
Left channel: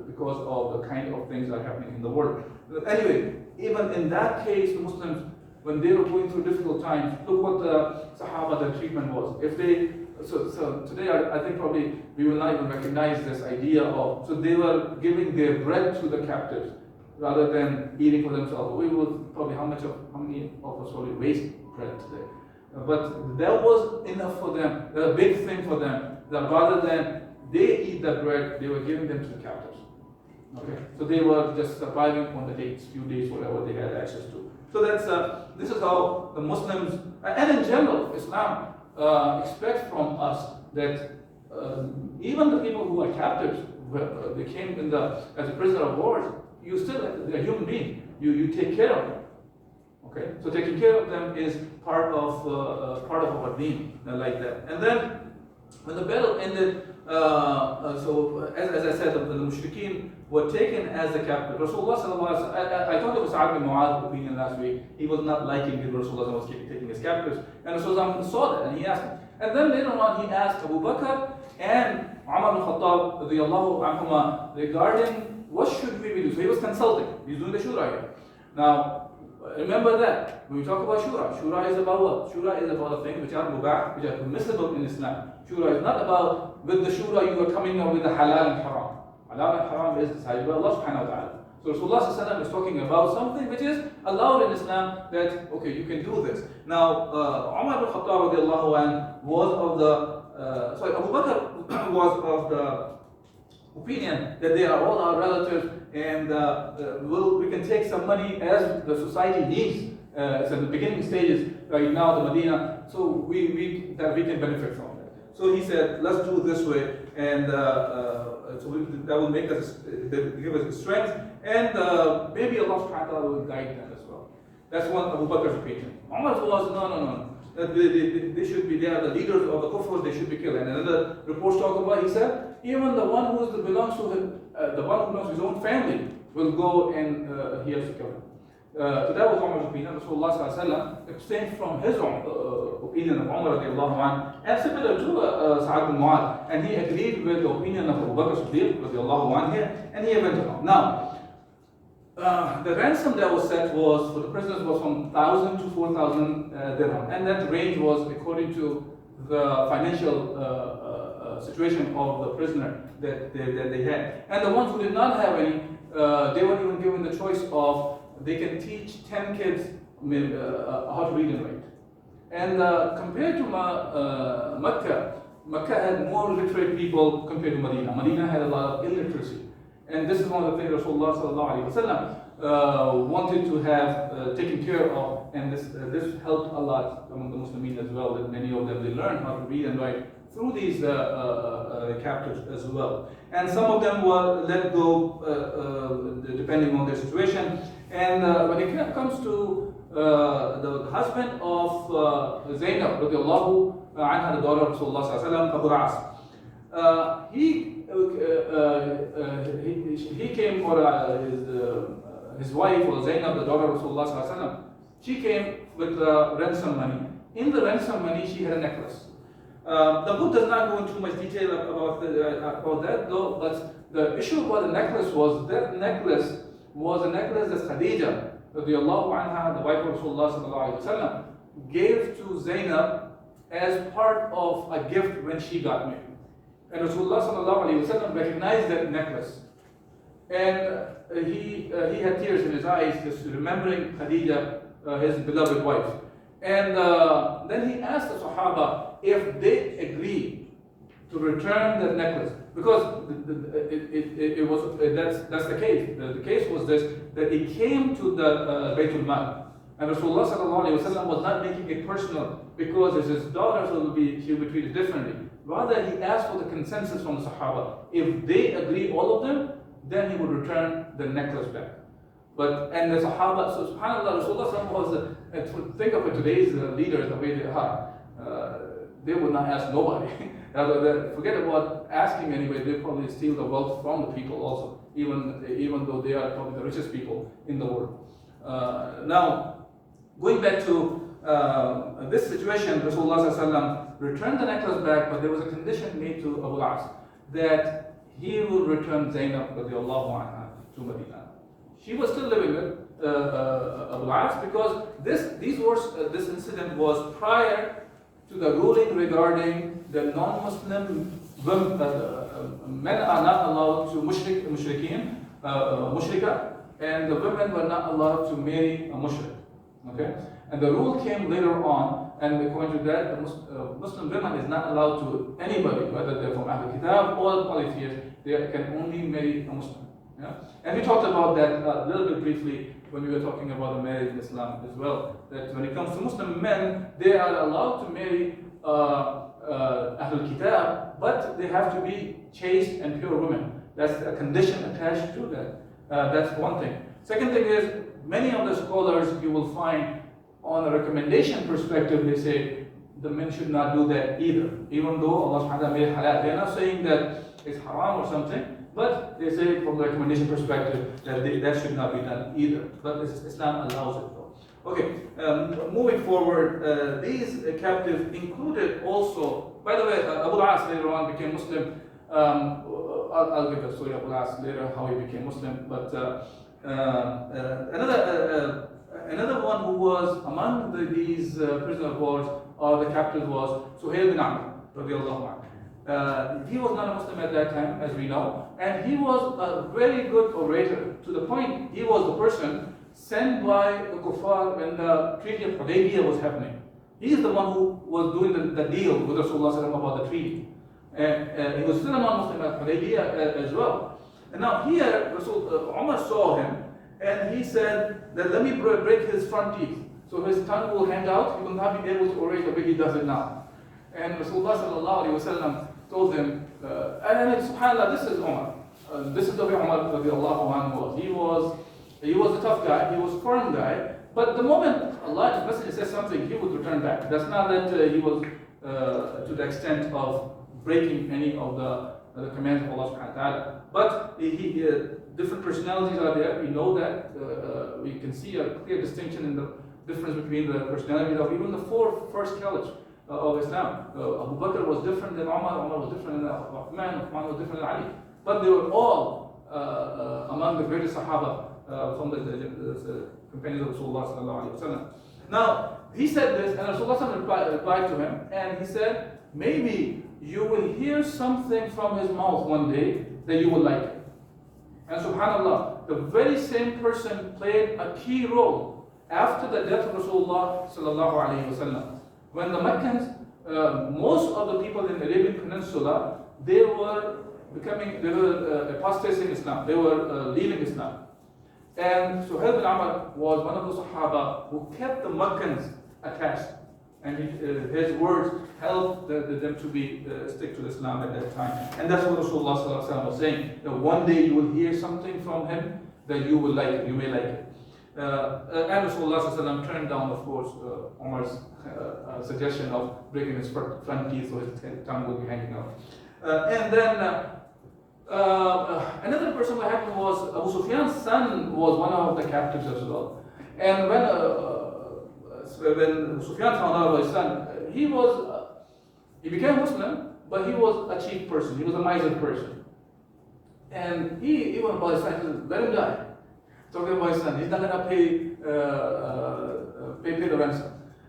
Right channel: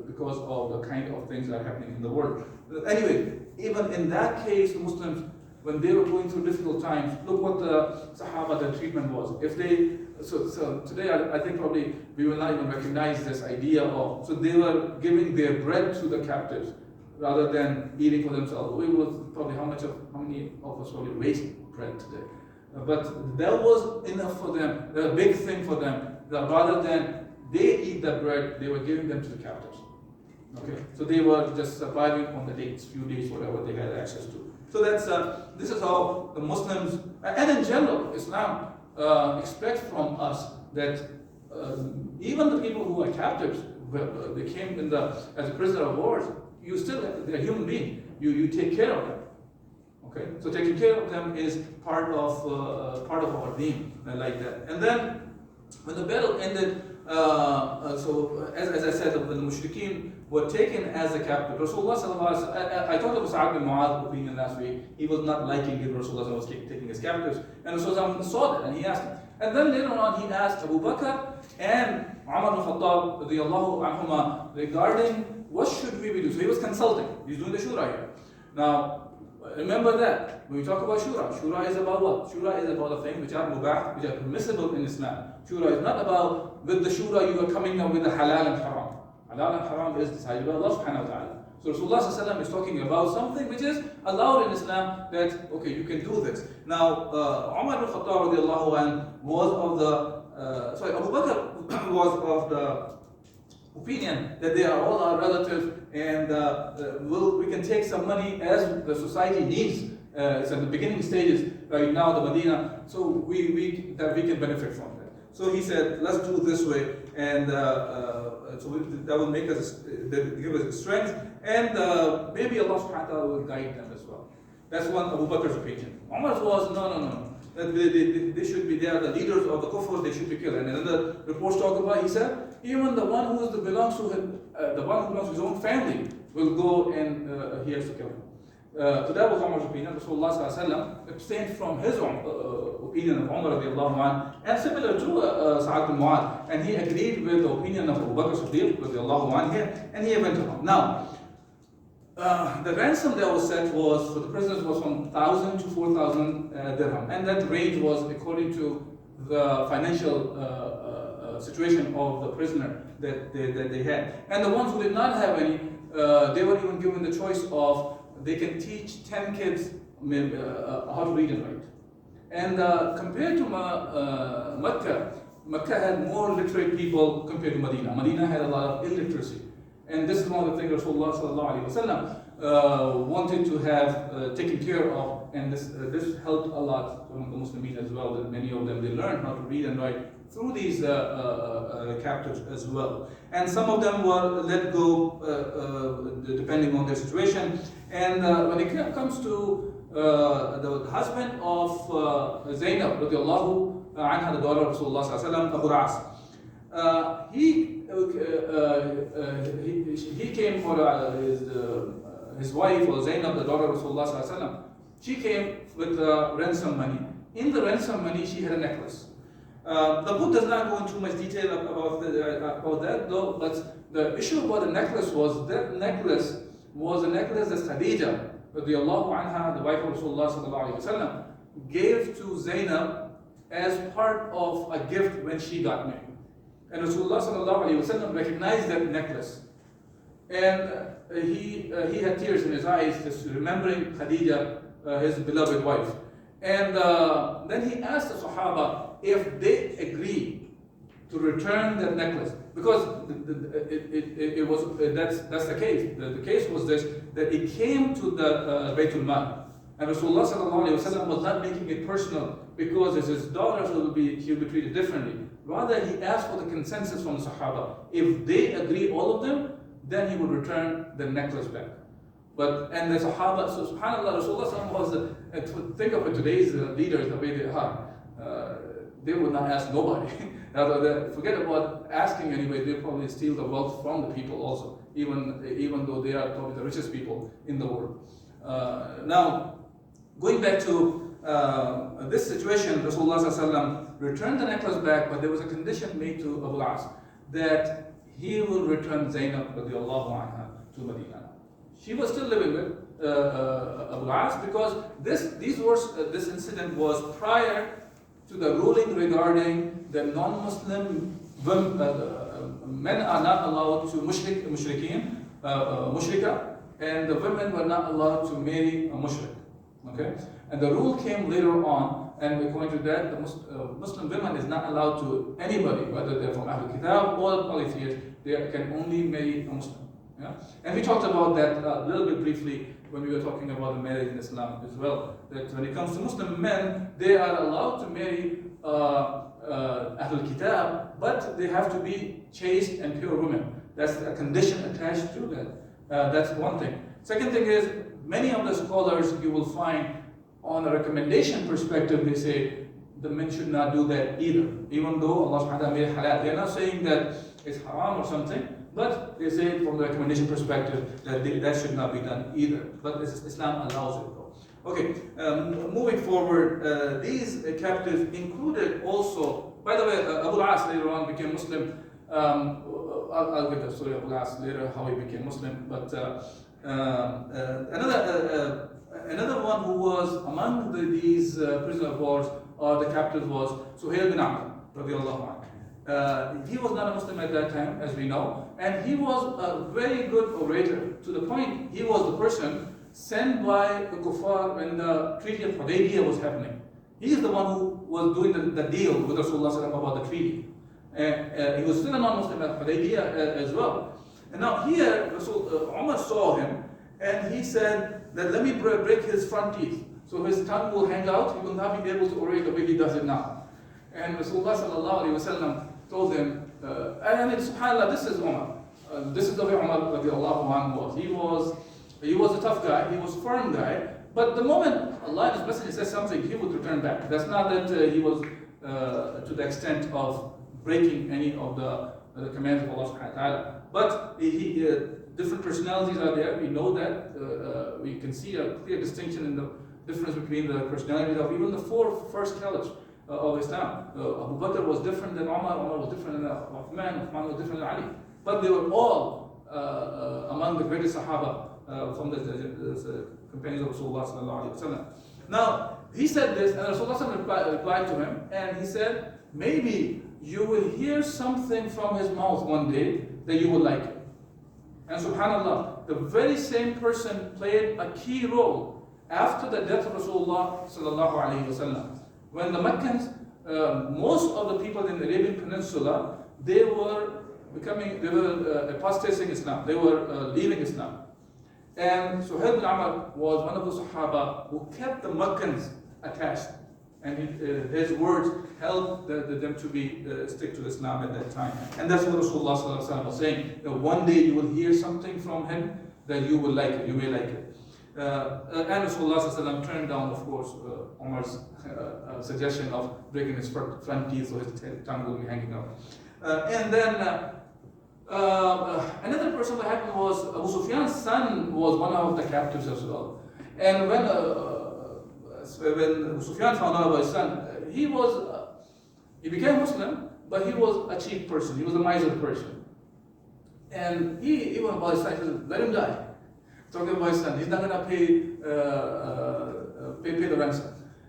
because of the kind of things that are happening in the world. Anyway, even in that case, Muslims, when they were going through difficult times, look what the Sahaba, the treatment was. If they So today I think probably we will not even recognize this idea of, so they were giving their bread to the captives rather than eating for themselves. We will probably, how many of us probably waste bread today? But that was enough for them, a big thing for them, that rather than they eat that bread, they were giving them to the captives. Okay, so they were just surviving on the dates, few days, whatever they had access to. So that's this is how the Muslims, and in general, Islam expects from us that even the people who are captives, they came as a prisoner of war, they're a human being. You take care of them. Okay, so taking care of them is part of our deen, like that. And then when the battle ended, so as I said, the mushrikeen were taken as a captive. Rasulullah sallallahu alaihi wasallam, I talked about Sa'ad bin Mu'adh's opinion last week. He was not liking it. Rasulullah was taking his captives, and Rasulullah saw that, and he asked him. And then later on, he asked Abu Bakr and Umar bin Khattab radiyallahu anhuma regarding what should we do. So he was consulting. He's doing the shura here. Now, remember that when we talk about shura is about what? Shura is about the things which are mubah, which are permissible in Islam. Shura is not about with the shura you are coming up with the halal and haram. Halal and haram is decided by Allah subhanahu wa ta'ala. So Rasulullah is talking about something which is allowed in Islam, that okay, you can do this. Now Umar bin Khattab radiallahu anhu was of the Abu Bakr was of the opinion that they are all our relatives, and we can take some money as the society needs. It's at the beginning stages right now, the Medina, so we can benefit from it. So he said, let's do it this way, and that will make us, give us strength, and maybe Allah subhanahu wa ta'ala will guide them as well. That's one Abu Bakr's opinion. Umar's was, no. That they should be, they are the leaders of the kufr, they should be killed. And another report talk about, he said, even the one who belongs to his own family will go and he has to kill him. So that was Umar's opinion. Rasulullah sallallahu alaihi wasallam abstained from his opinion of Umar radiallahu anhu, and similar to Sa'ad bin Mu'adh, and he agreed with the opinion of Abu Bakr Siddiq radiallahu anhu here, and he went along. Now, the ransom that was set was for the prisoners was from 1,000 to 4,000 dirham, and that range was according to the financial situation of the prisoner that they had. And the ones who did not have any, they were even given the choice of, they can teach 10 kids how to read and write. And compared to Mecca had more literate people compared to Medina. Medina had a lot of illiteracy. And this is one of the things Rasulullah sallallahu alaihi wasallam wanted to have taken care of, and this helped a lot among the Muslims as well, that many of them, they learned how to read and write through these captives as well. And some of them were let go depending on their situation. And when it comes to the husband of Zainab, radiallahu anha, the daughter of Rasulullah sallallahu alaihi wasallam, Abu al-As, he came for his wife, or Zainab, the daughter of Rasulullah sallallahu alaihi wasallam. She came with ransom money. In the ransom money, she had a necklace. The book does not go into too much detail about that, though. But the issue about the necklace was that necklace was a necklace that Khadija, radiallahu anha, the wife of Rasulullah sallallahu alaihi wasallam, gave to Zainab as part of a gift when she got married. And Rasulullah sallallahu alaihi wasallam recognized that necklace, and he had tears in his eyes just remembering Khadija, his beloved wife. And then he asked the Sahaba if they agree to return that necklace, because it was that's the case. The case was this, that it came to the Baytul Mal, and Rasulullah sallallahu alaihi wasallam was not making it personal because it's his daughter, so she'll be treated differently. Rather, he asked for the consensus from the Sahaba. If they agree, all of them, then he would return the necklace back. And the Sahaba, so subhanAllah, Rasulullah was, think of it, today's leaders, the way they are, they would not ask nobody. Forget about asking anyway, they probably steal the wealth from the people also, even though they are probably the richest people in the world. Now, going back to this situation, Rasulullah returned the necklace back, but there was a condition made to Abu al-As that he will return Zainab radiallahu anha to Medina. She was still living with Abu al-As, because this incident was prior to the ruling regarding the non-Muslim men are not allowed to mushrika, and the women were not allowed to marry a mushrik. Okay, and the rule came later on, and according to that, the Muslim women is not allowed to anybody, whether they're from Ahlul Kitab or polytheists. They can only marry a Muslim. Yeah? And we talked about that a little bit briefly when we were talking about the marriage in Islam as well. That when it comes to Muslim men, they are allowed to marry Ahlul Kitab, but they have to be chaste and pure women. That's a condition attached to that. That's one thing. Second thing is, many of the scholars you will find on a recommendation perspective, they say the men should not do that either. Even though Allah subhanahu wa ta'ala made it halal. They're not saying that it's haram or something, but they say from the recommendation perspective that that should not be done either. But Islam allows it. Okay, moving forward, these captives included also, by the way, Abu al-As later on became Muslim. I'll get the story of Abu al-As later, how he became Muslim. But another one who was among these prisoners of war or the captives was Suhail bin Amr, radiallahu anhu. He was not a Muslim at that time, as we know, and he was a very good orator, to the point he was the person sent by the kuffar when the treaty of Hudaybiyah was happening. He is the one who was doing the deal with Rasulullah about the treaty. And he was still a non-Muslim at Hudaybiyah as well. And now here, Umar saw him, and he said that let me break his front teeth, so his tongue will hang out, he will not be able to orate the way he does it now. And Rasulullah told him, and subhanAllah, this is Umar. This is the way Umar radiallahu anhu was. He was a tough guy, he was a firm guy, but the moment Allah and His Messenger says something, he would return back. That's not that he was to the extent of breaking any of the commands of Allah subhanahu wa ta'ala. But different personalities are there, we know that. We can see a clear distinction in the difference between the personalities of even the four first caliphs of Islam. Abu Bakr was different than Umar, Umar was different than Uthman, Uthman was different than Ali. But they were all among the greatest Sahaba from the companions of Rasulullah sallallahu alaihi wasallam. Now, he said this, and Rasulullah replied to him, and he said, maybe you will hear something from his mouth one day that you will like it. And subhanAllah, the very same person played a key role after the death of Rasulullah sallallahu alaihi wasallam. When the Meccans, most of the people in the Arabian Peninsula, they were apostatizing Islam, they were leaving Islam. And Suhail bin Amr was one of the Sahaba who kept the Meccans attached. And his words helped them to be stick to Islam at that time. And that's what Rasulullah sallallahu alaihi wasallam was saying. One day you will hear something from him that you will like it, you may like it. And Rasulullah sallallahu alaihi wasallam turned down, of course, Umar's suggestion of breaking his front teeth so his tongue will be hanging out. And then another person that happened was Abu Sufyan's son was one of the captives as well. And when Abu Sufyan found out about his son, he became Muslim, but he was a cheap person. He was a miser person. And he went about his son, he said, let him die. Talking about his son, he's not going to pay the ransom.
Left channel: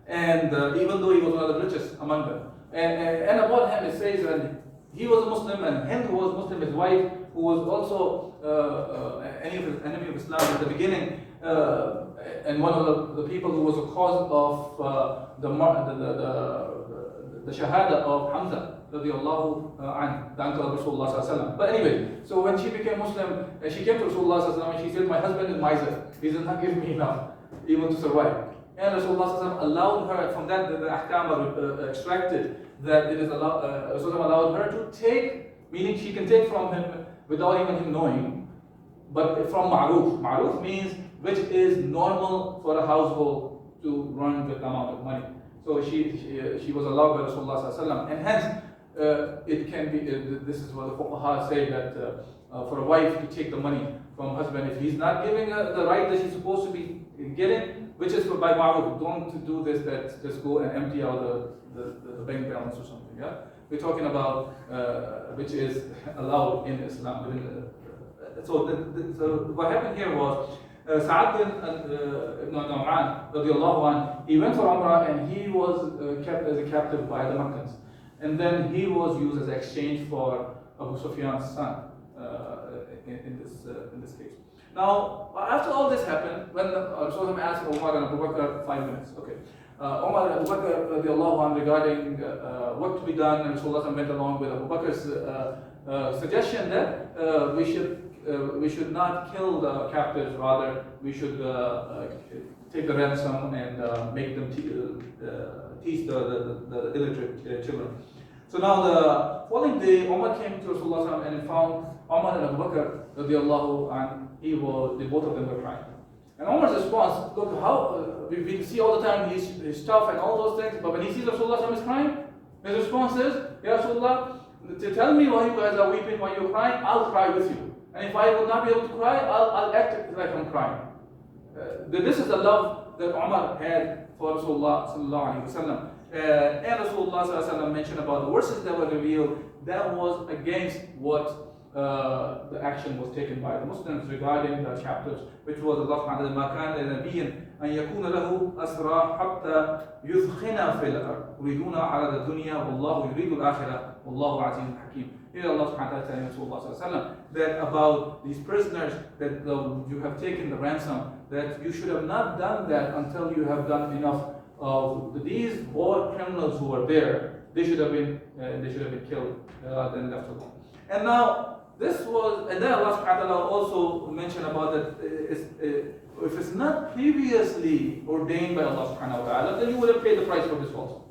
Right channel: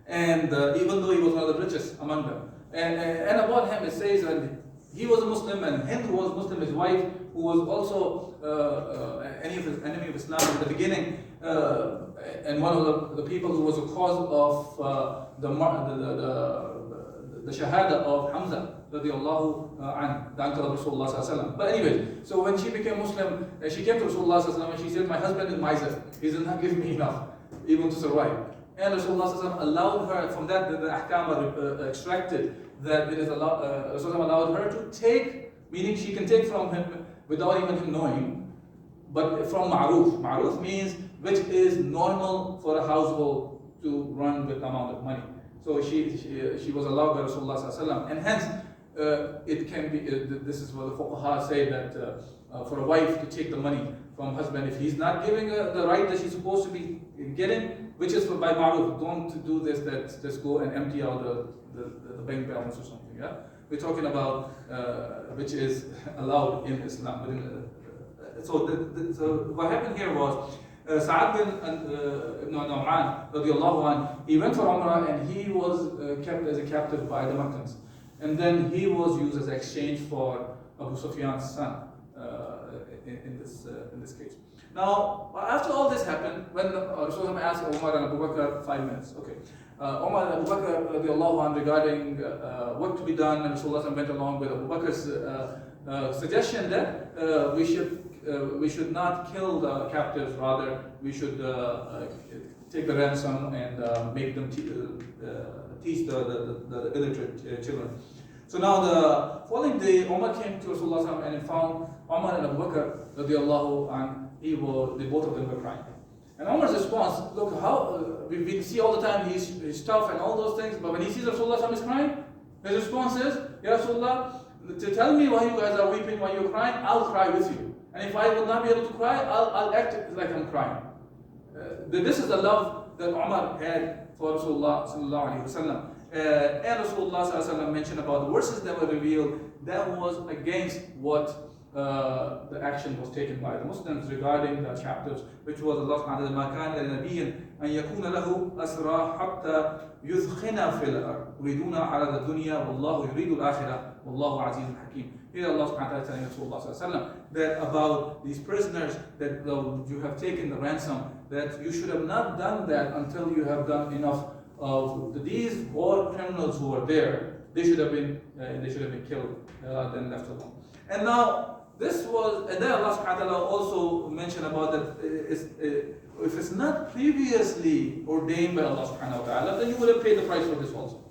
And even though he was one of the richest among them. And about him it says, and he was a Muslim, and Hind was Muslim, his wife, who was also an enemy of Islam at the beginning, and one of the people who was a cause of the shahada of Hamza, radiallahu anhu, the uncle of Rasulullah sallallahu alaihi wasallam. But anyway, so when she became Muslim, she came to Rasulullah sallallahu alaihi wasallam and she said, my husband is miser, he does not give me enough, even to survive. And Rasulullah sallallahu alaihi wasallam allowed her, from that the ahkam are extracted, that it is allowed, Rasulullah allowed her to take, meaning she can take from him without even him knowing, but from ma'ruf. Ma'ruf means which is normal for a household to run with amount of money. So she was allowed by Rasulullah sallallahu alaihi wasallam, and hence it can be. This is what the fuqaha say, that for a wife to take the money from husband if he's not giving the right that she's supposed to be getting, which is by ma'ruf. Don't do this, that just go and empty out the bank balance or something. Yeah, we're talking about which is allowed in Islam. So what happened here was Sa'ad bin ibn Nu'man radiallahu anhu, he went for Umrah and he was kept as a captive by the Meccans. And then he was used as exchange for Abu Sufyan's son in this case. Now, after all this happened, when Rasulullah asked Umar and Abu Bakr 5 minutes, okay, Umar and Abu Bakr radiallahu anhu regarding what to be done, and Rasulullah went along with Abu Bakr's suggestion that we should not kill the captives, rather we should take the ransom and make them teach the illiterate children. So now the following day, Umar came to Rasulullah and found Umar and Abu Bakr radiallahu anhu, the both of them were crying. And Umar's response, look, how we see all the time he's tough and all those things, but when he sees Rasulullah is crying, his response is, Ya Rasulullah, to tell me why you guys are weeping, why you're crying, I'll cry with you. And if I will not be able to cry, I'll act like I'm crying. This is the love that Umar had for Rasulullah sallallahu alaihi wasallam. And Rasulullah sallallahu alaihi wasallam mentioned about the verses that were revealed that was against what the action was taken by the Muslims regarding the captives, which was Allah subhanahu wa ta'ala, مَا كَانَ لِنَبِيٍّ أَن يَكُونَ لَهُ أَسْرَى حَتَّى يُثْخِنَ فِي الْأَرْضِ يُرِيدُونَ عَرَضَ الدُّنْيا وَاللَّهُ يُرِيدُ الْآخِرَةَ وَاللَّهُ عَزِيزٌ حَكِيمٌ. Here Allah subhanahu wa ta'ala telling Rasulullah that about these prisoners that you have taken the ransom, that you should have not done that until you have done enough of these war criminals who were there. They should have been killed then left alone. And now this was, and then Allah subhanahu wa ta'ala also mentioned about that if it's not previously ordained by Allah subhanahu wa ta'ala, then you would have paid the price for this also,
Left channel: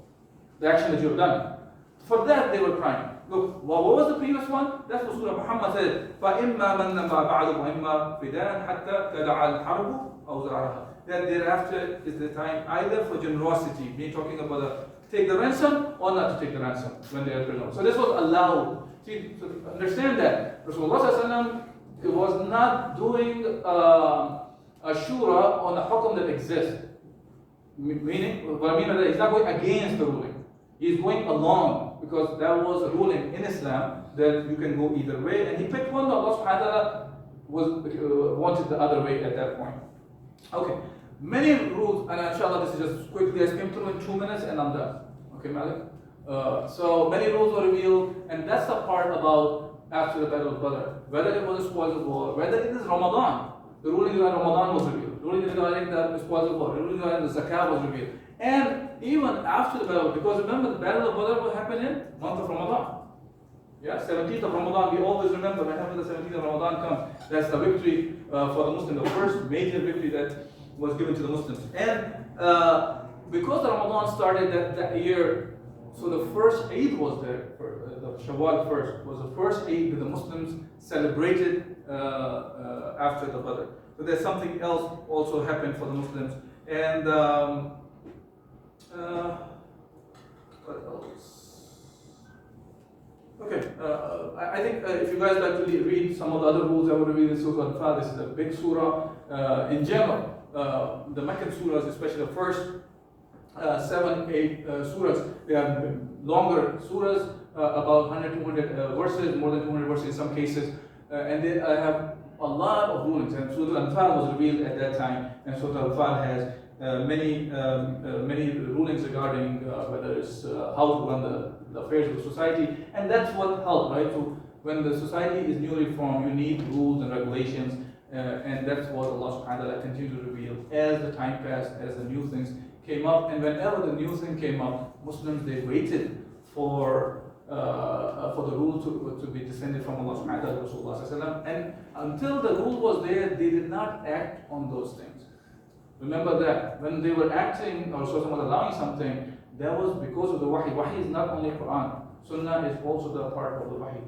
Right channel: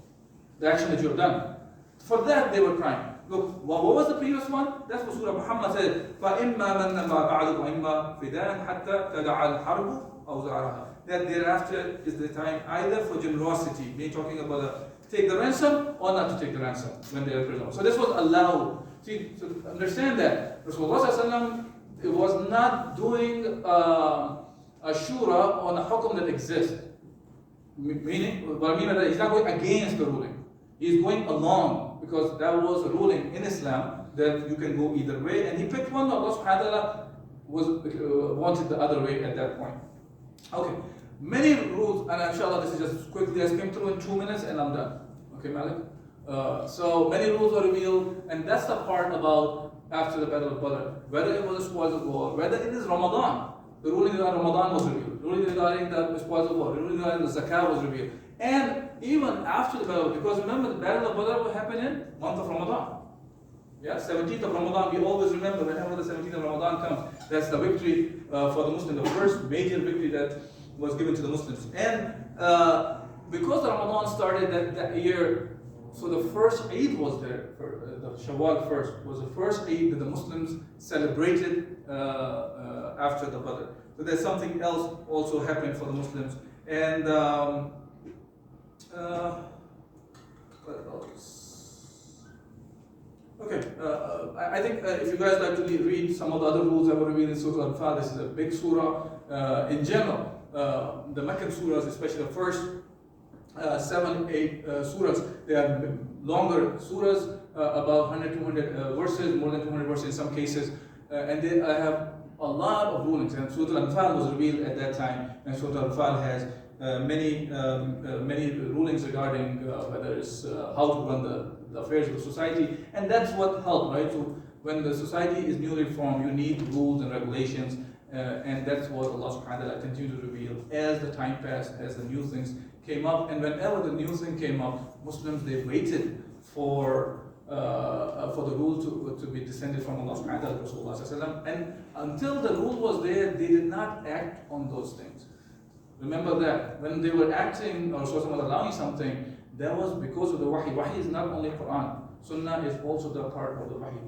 the action that you have done. For that they were crying. Look, what was the previous one? That's what Surah Muhammad said, فَإِمَّا مَنَّ مَا بَعْدُ وَإِمَّا فِدَانٍ حَتَّى تَدَعَ الْحَرْبُ أَوْ زَعَرَهَا. That thereafter is the time either for generosity, meaning talking about take the ransom or not to take the ransom when they are prisoners. So this was allowed. See, so understand that Rasulullah was not doing a shura on a hukum that exists. Meaning, what I mean by that, he's not going against the ruling. He's going along, because that was a ruling in Islam that you can go either way. And he picked one. Allah subhanahu wa ta'ala wanted the other way at that point. Okay, many rules, and inshallah this is just quickly, I skimmed through in 2 minutes and I'm done. Okay, Malik? So many rules were revealed, and that's the part about after the Battle of Badr. Whether it was the spoils of war, whether it is Ramadan, the ruling regarding Ramadan was revealed, the ruling regarding the spoils of war, the ruling regarding the Zakah was revealed. And even after the battle, because remember the Battle of Badr will happen in month of Ramadan. Yeah, 17th of Ramadan, we always remember whenever the 17th of Ramadan comes, that's the victory for the Muslims, the first major victory that was given to the Muslims. And because the Ramadan started that year, so the first Eid was there. The Shawwal first was the first Eid that the Muslims celebrated after the Badr. So there's something else also happened for the Muslims. And what else? Okay, I think if you guys like to read some of the other rules, I would read in Surah Al-Anfal. This is a big surah. In general, the Meccan surahs, especially the first 7, 8 surahs, they are longer surahs, about 100, 200 verses, more than 200 verses in some cases, and they have a lot of rulings. And Surah Al-Anfal was revealed at that time, and Surah Al-Anfal has many rulings regarding whether it's how to run the affairs of society, and that's what helped, right? So when the society is newly formed, you need rules and regulations, and that's what Allah subhanahu wa ta'ala continued to reveal as the time passed, as the new things came up. And whenever the new thing came up, Muslims, they waited for the rule to be descended from Allah subhanahu wa ta'ala, Rasulullah sallallahu alaihi wasallam, and until the rule was there, they did not act on those things. Remember that when they were acting or someone allowing something, that was because of the wahi. Wahi is not only Quran. Sunnah is also the part of the wahi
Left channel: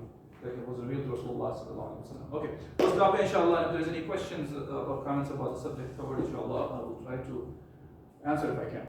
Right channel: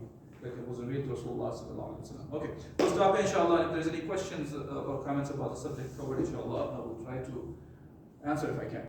that was revealed to Rasulullah sallallahu alaihi wasallam. Okay, we'll stop here, inshallah. If there's any questions or comments about the subject covered, inshallah, I will try to answer if I can.